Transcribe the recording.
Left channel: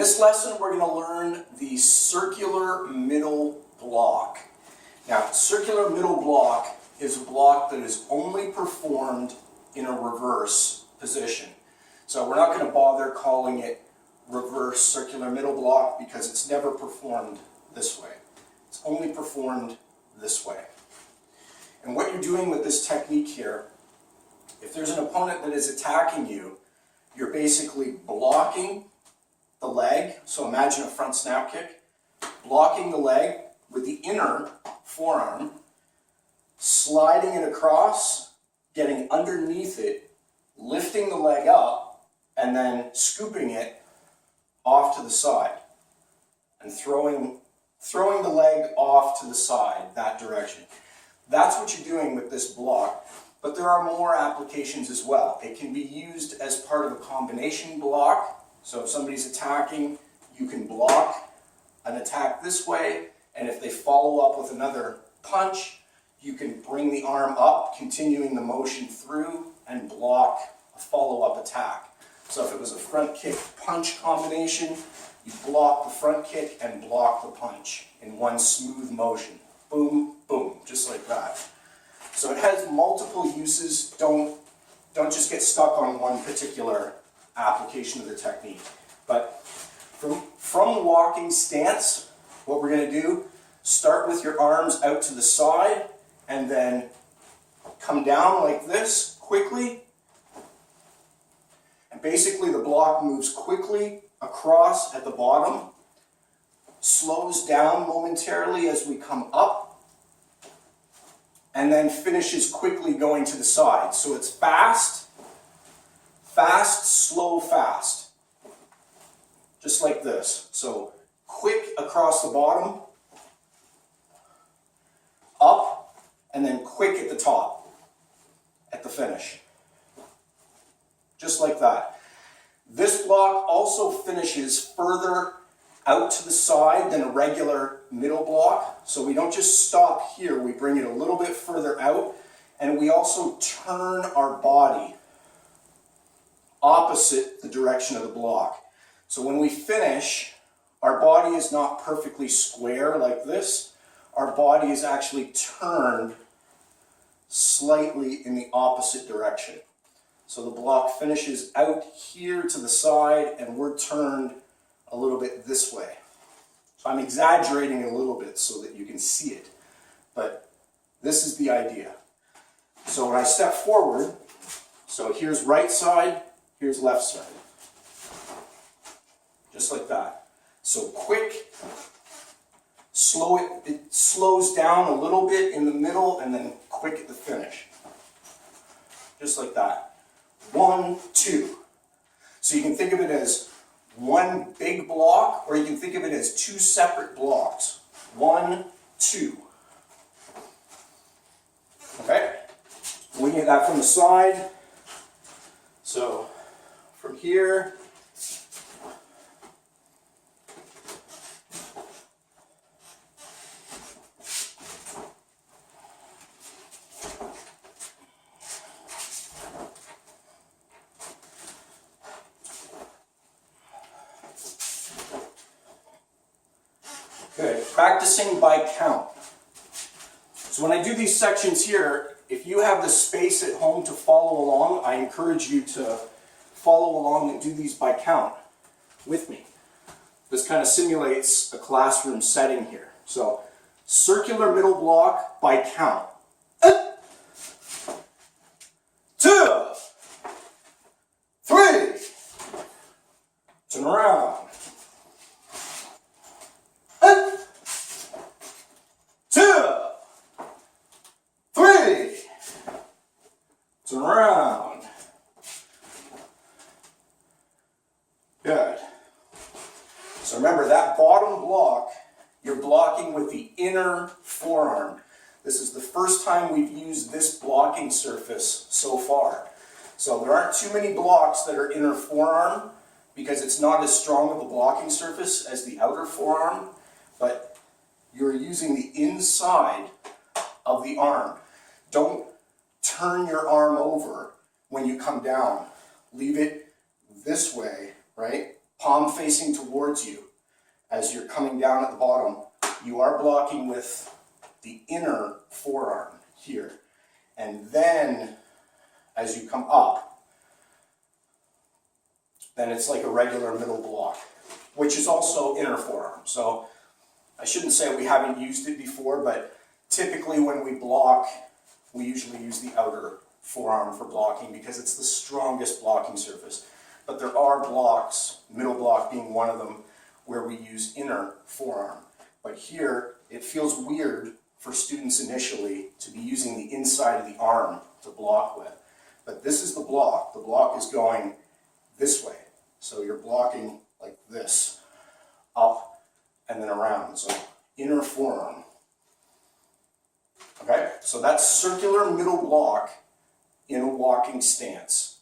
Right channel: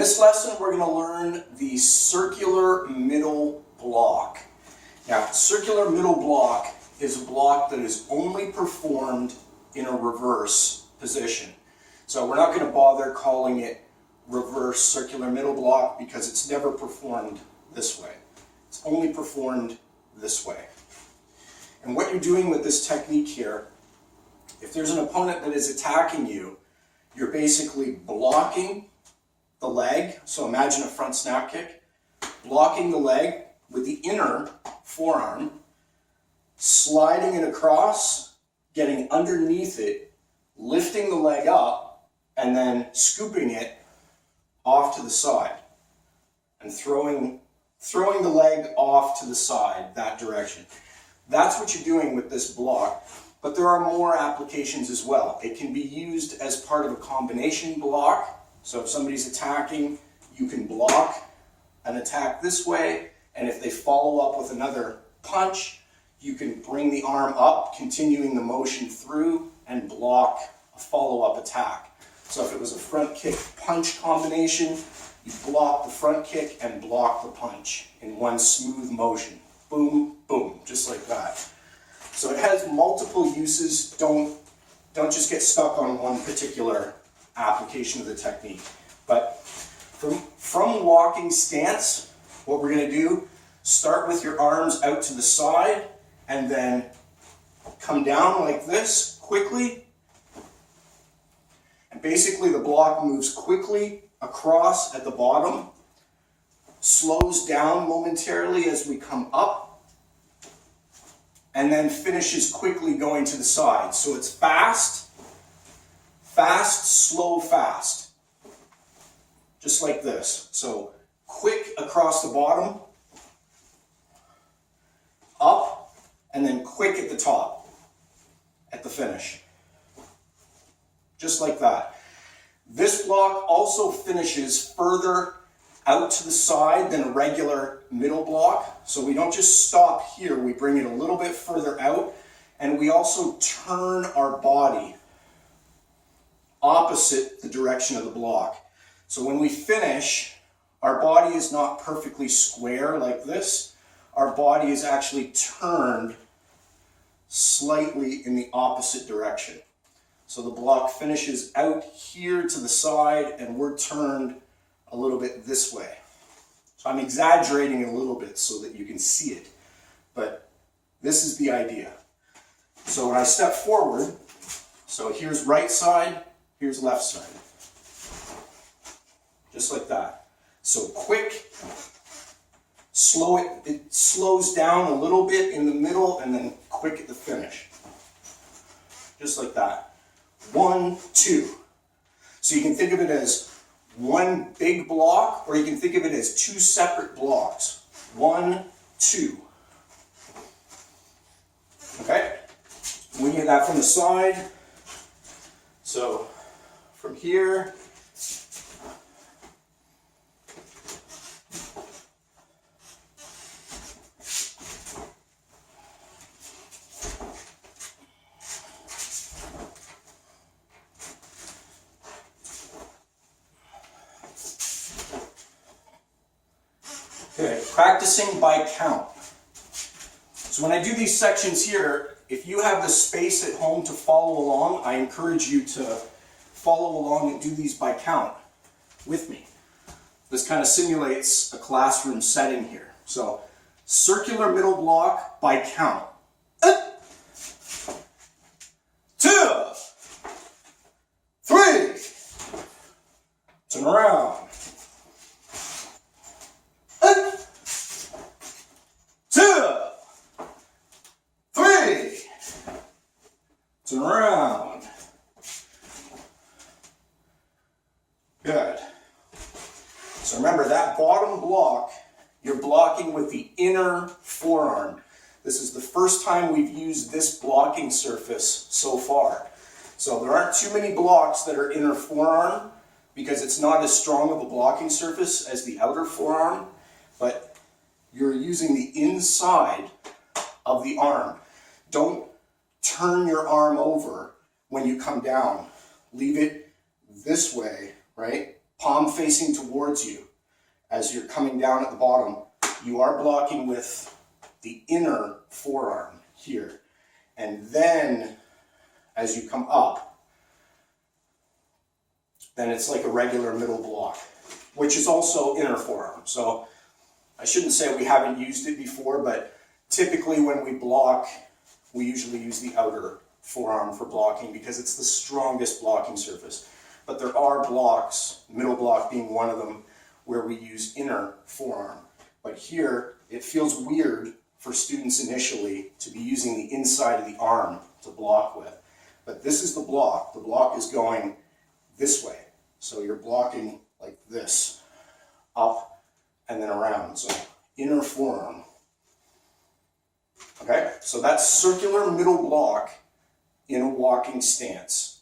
this lesson, we're going to learn the circular middle block. Now, circular middle block is a block that is only performed in a reverse position. So we're not going to bother calling it reverse circular middle block because it's never performed this way. It's only performed this way. And what you're doing with this technique here, if there's an opponent that is attacking you, you're basically blocking the leg. So imagine a front snap kick. Blocking the leg with the inner forearm, sliding it across, getting underneath it, lifting the leg up, and then scooping it off to the side and throwing the leg off to the side that direction. That's what you're doing with this block, but there are more applications as well. It can be used as part of a combination block. So if somebody's attacking, you can block an attack this way, and if they follow up with another punch, you can bring the arm up, continuing the motion through, and block a follow-up attack. So if it was a front kick punch combination, you block the front kick and block the punch in one smooth motion. Boom, boom, just like that. So it has multiple uses. Don't just get stuck on one particular application of the technique. But from walking stance, what we're going to do, start with your arms out to the side and then come down like this quickly. And basically the block moves quickly across at the bottom, slows down momentarily as we come up, and then finishes quickly going to the side. So it's fast, fast, slow, fast. Just like this. So quick across the bottom, up, and then quick at the top, at the finish. Just like that. This block also finishes further out to the side than a regular middle block. So we don't just stop here, we bring it a little bit further out, and we also turn our body opposite the direction of the block. So when we finish, our body is not perfectly square like this. Our body is actually turned slightly in the opposite direction. So the block finishes out here to the side, and we're turned a little bit this way. So I'm exaggerating a little bit so that you can see it, but this is the idea. So when I step forward, so here's right side, here's left side. Just like that. So quick, slow it slows down a little bit in the middle, and then quick at the finish. Just like that. 1, 2. So you can think of it as one big block, or you can think of it as two separate blocks. 1, 2. Okay? We get that from the side. So from here, practicing by count. So when I do these sections here, if you have the space at home to follow along, I encourage you to follow along and do these by count with me. This kind of simulates a classroom setting here. So, circular middle block by count. 2, 3, turn around. 2, 3, turn around. Good. So remember, that bottom block, you're blocking with the inner forearm. This is the first time we've used this blocking surface so far. So there aren't too many blocks that are inner forearm because it's not as strong of a blocking surface as the outer forearm, but you're using the inside of the arm. Don't turn your arm over when you come down. Leave it this way, right? palm facing towards you. As you're coming down at the bottom, you are blocking with the inner forearm here. And then, as you come up, then it's like a regular middle block, which is also inner forearm. So I shouldn't say we haven't used it before, but typically when we block, we usually use the outer forearm for blocking because it's the strongest blocking surface. But there are blocks, middle block being one of them, where we use inner forearm. But here, it feels weird for students initially to be using the inside of the arm to block with. But this is the block. The block is going this way. So you're blocking like this, up and then around. So inner forearm. Okay, so that's circular middle block in a walking stance.